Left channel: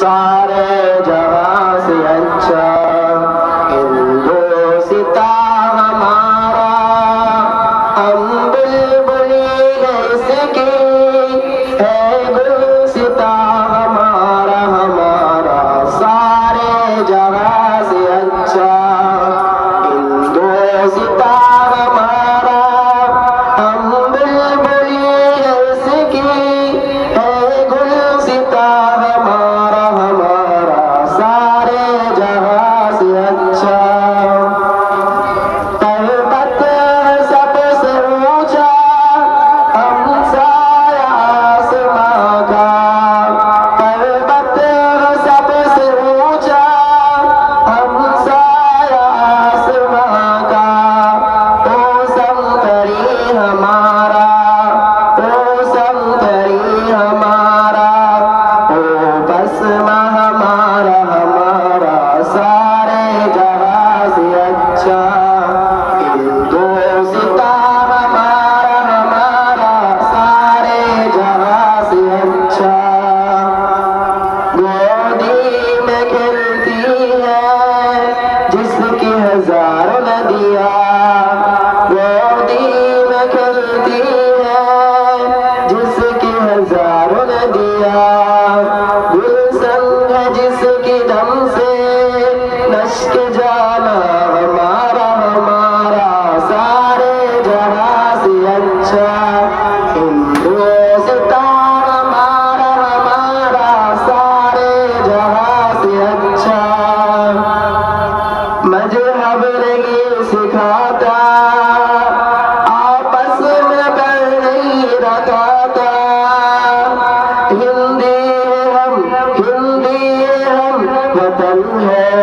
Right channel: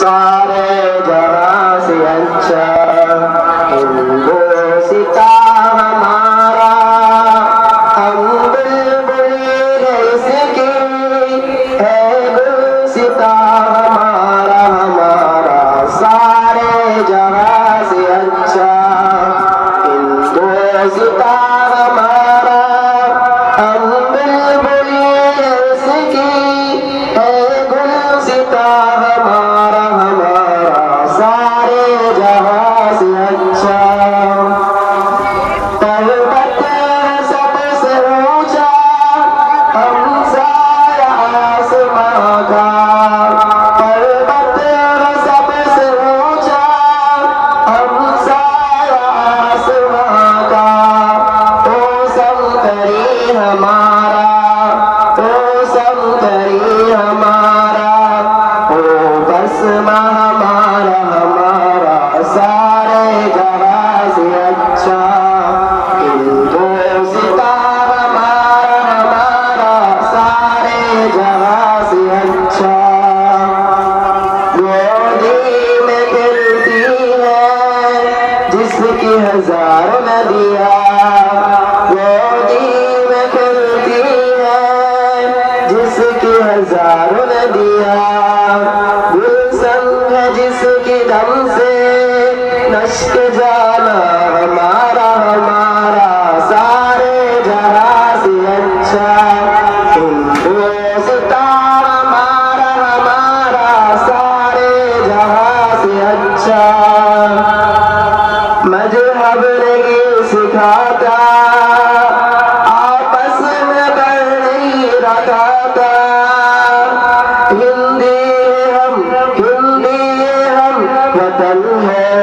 सारे जहां से अच्छा हिंदुस्ता हमारा, हम बुलबुल इसकी है गुलसिता हमारा, हमारा सारे जहां से अच्छा हिंदुस्ता हमारा, हम बुलबुल इसकी है गुलसिता हमारा, हमारा सारे जहां से अच्छा। पर्वत सबसे ऊंचा हमसाया आसमां का, पर्वत सबसे ऊंचा हमसाया आसमां का, ओ संतरी हमारा, ओ संतरी हमारा, ओ बसना हमारा, हमारा सारे जहां से अच्छा हिंदुस्ता हमारा, हमारा सारे जहां से अच्छा। गोदी में खिलती है जिसकी हजारों नदियाँ, गोदी में खिलती है जिसकी हजारों नदियाँ, गुलशन है जिसकी दम से नश्क जाना हमारा, हमारा सारे जहां से अच्छा हिंदुस्ता हमारा, हमारा सारे जहां से अच्छा। मजहब नहीं सिखाता आपस में कर नहीं रखाता, हिंदी है हम, हिंदी है हम, वतन है